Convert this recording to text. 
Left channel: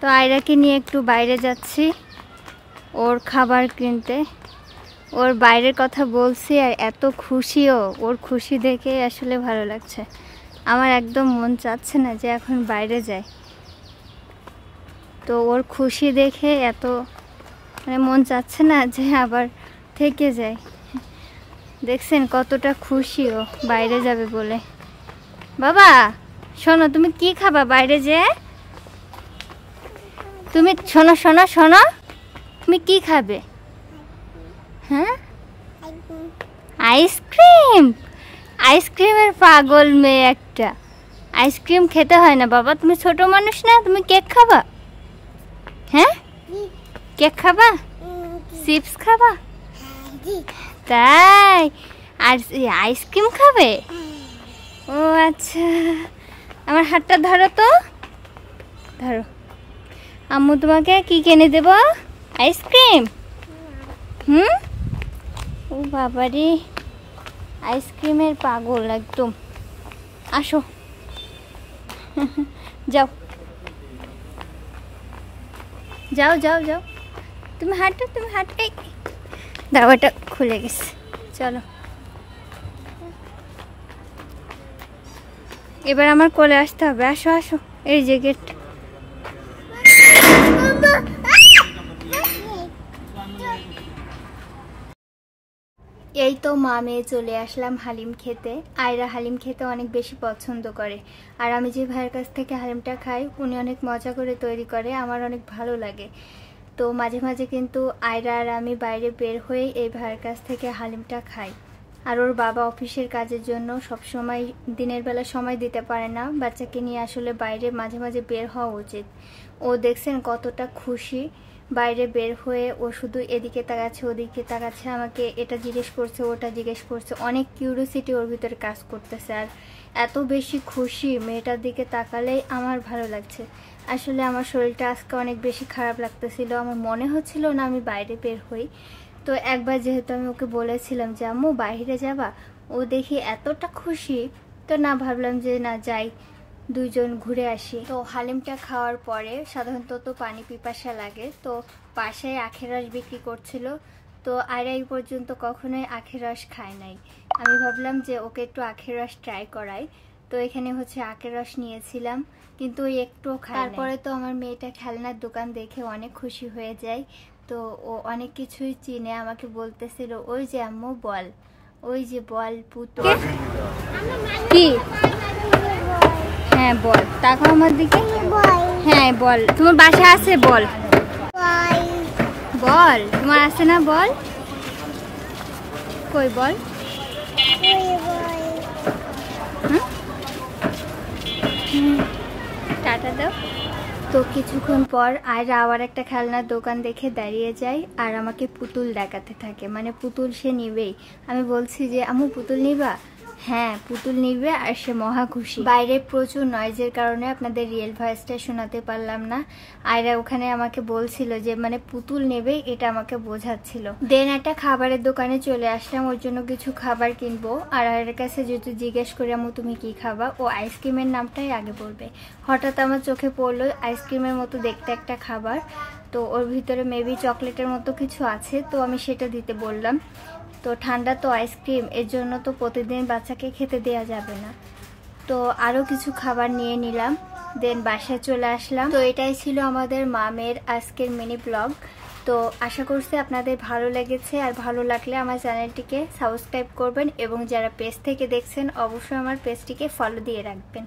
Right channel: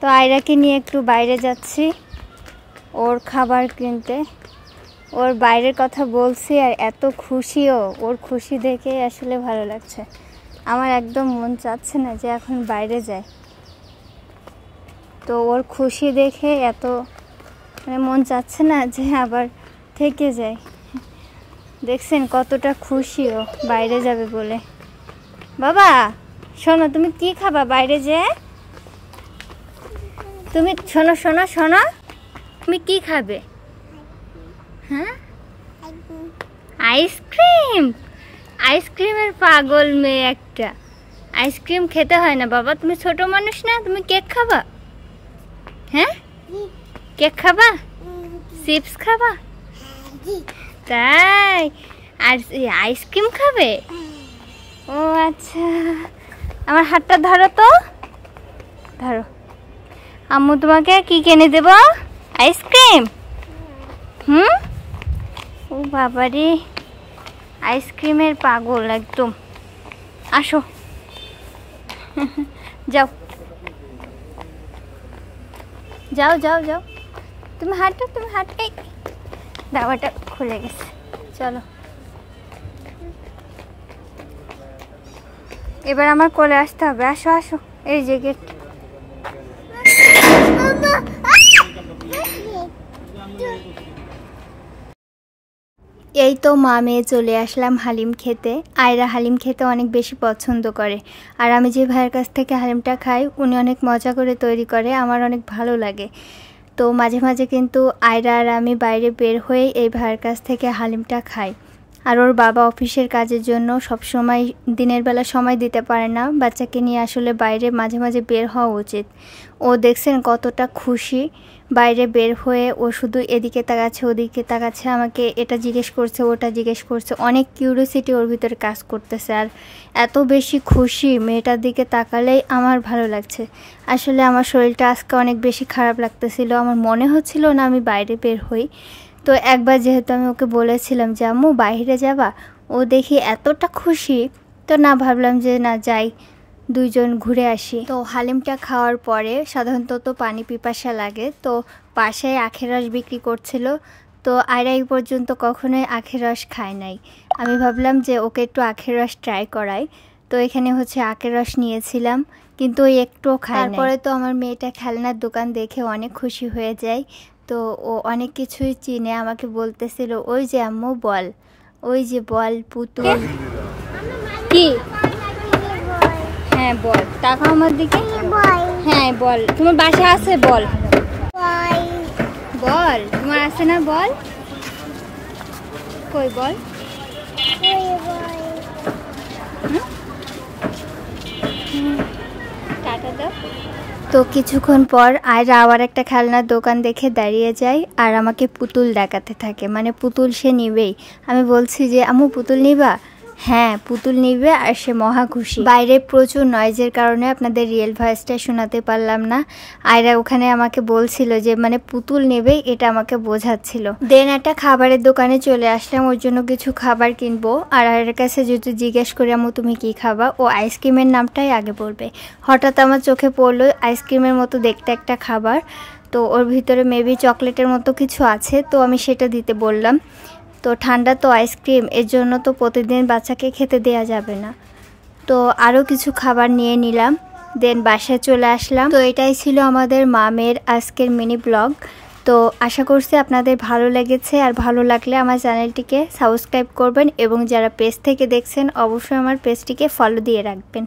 তো আয়রাকে নিয়ে একটু বাইরে যাচ্ছি ওর খাবার কিনতে। ওর বাইরের কথা বলছি আর এত খুশিও, ওর খুশি দেখে আসলে ভালো লাগছে। আমার একদম মন চাচ্ছে না যে এখন বাইরে যায়, তো ওর খুশি দেখে এত মানে মন চাচ্ছে না যে আবার থেকে যায়। দেখছেন কতটা খুশি ও বাইরে যাবে বলে। বাবা শোনো, তুমি কি খাবা বাইরে যে? তুমি শোনো শোনো শোনো, তুমি কি খাবে? হ্যাঁ, আইসক্রিম। আইসক্রিমের পাগল মেয়ে একটা। আইসক্রিম খেতে হয় না বাবা, তুমি ছোট মানুষ না, তুমি কেক খাবা? হ্যাঁ, কেক খাবা? চিপস খাবা? তাই, আর আইসক্রিম খাবে? ও আচ্ছা, আমার হাতটা ধরো তো, ধরো। আম্মু তোমাকে কি কিনে দেব? আইসক্রিম। ও বাবারে, আইসক্রিমের পাগল একদম। আসো যাও যাও যাও যাও, তুমি হাঁটো, তুমি হাঁটে। দাওয়াটা খুলে গেছে, চলো এবার আমার কোলে আসতে হবে। আসো আসো, এই যে গেট। এই তো মা মেয়ে চলে আসলাম হালিম খেতে। আয়রা হালিম খেতে অনেক বেশি পছন্দ করে, আর আমি যে ভাইয়ের কাছ থেকে হালিমটা খাই উনি অনেক মজা করে তৈরি করে, আমার অনেক ভালো লাগে। তো মাঝে মাঝে কিন্তু আয়রা আর আমি বাইরে বের হয়ে এই ভাইয়ের কাছ থেকে হালিমটা খাই। আর ওর বাবা অফিসের কাজের জন্য সব সময় দিনের বেলা সময় দিতে পারে না, বাচ্চাকে নিয়ে আসলে বাইরে মাঝে মাঝে বের হওয়া উচিত। ও দেখছেন কতটা খুশি বাইরে বের হয়ে, ও শুধু এদিকে তাকাচ্ছে ওদিকে তাকাচ্ছে, আমাকে এটা জিজ্ঞেস করছে ওটা জিজ্ঞেস করছে, অনেক কিউরিওসিটি ওর ভিতরে কাজ করতেছে। আর এত বেশি খুশি মেয়েটার দিকে তাকালেই আমার ভালো লাগছে। আসলে আমার শরীরটা আজকে অনেক বেশি খারাপ লাগতেছিল, আমার মনে হচ্ছিল না আমি বাইরে বের হই। তো একবার যেহেতু আমি ওকে বলেছিলাম যে আম্মু বাইরে যাবা, ও দেখি এতটা খুশি, তো না ভাবলাম যে না যাই, দুইজন ঘুরে আসি। তো হালিমটা খাওয়ার পরে সাধারণত তো পানি পিপাসা লাগে, তো পাশে আখের রস বিক্রি করছিল। তো আয়রা এই পর্যন্ত কখনোই আখের রস খায় নাই, আমি ভাবলাম যে ওকে একটু আখের রস ট্রাই করাই। তো এখানে হচ্ছে আখের রস নিয়েছিলাম, কিন্তু ওই একটুও খায় না। তারপরে তো আমার মেয়েটা খেলনার দোকান দেখে অনেক খুশি হয়ে যায়, তো ও অনেক কিছুই চিনে আমাকে বলতেছিল ওই যে আম্মু বল, ওই যে বল পুতুল কি। হ্যাঁ বল, তাকাও আমার দিকে। হ্যাঁ বল, তোমার বাসা আছে? বল বল, তোমার আছে না? বল কই বল। টাটা দাও। তো কিছুক্ষণ পর আয়রা আবার একটা খেলনার দোকান দেখে দাঁড়িয়ে যায় আর আমাকে পুতুল দেখাতে থাকে, মানে পুতুল সে নিবেই। আমি বলছি যে আম্মু পুতুল নিবা? হ্যাঁ পুতুল নিবে, আর সে মহা খুশি। বাইরে প্রচুর নয়েজের কারণে আপনাদের রিয়েল ভয়েসটা শোনাতে পারলাম না। আয়রা ওখানে আমাকে বলছিল যে মানে পুতুল নেবে, এটা আমাকে বোঝাচ্ছিল। দেন একটা খাবারের দোকানে চলে আসলাম, ওর জন্য কিছু খাবার কিনবো। আর আয়রার কাছে যদি জিজ্ঞেস করি আম্মু তুমি কি খাবা, ও আইসক্রিমের নামটাই আগে বলবে। হঠাৎ আমার চোখে পড়লো আইসক্রিমের মতো দেখতে একটা খাবার, তো ওর ভিতরে মেবি চকলেটের মতো কিছু আছে, তো আমি সেটা দিতে বললাম। তো ঠান্ডা তো আইসক্রিম, এর জন্য তো প্রতিদিন বাচ্চাকে খেতে দেওয়া যাবে না। তো আরও কিছু খাবার নিয়ে নিলাম, দেন বাসায় চলে আসলাম। তো এটাই ছিল আমাদের মামের আজকের মিনি ব্লগ। তো আশা করছি আপনাদের ভালো লেগেছে, আর ভালো লাগলে আমার চ্যানেলটিকে সাবস্ক্রাইব করবেন, এবং যারা পেজ থেকে দেখছেন অবশ্যই আমার পেজটিকে ফলো দিয়ে রাখবেন।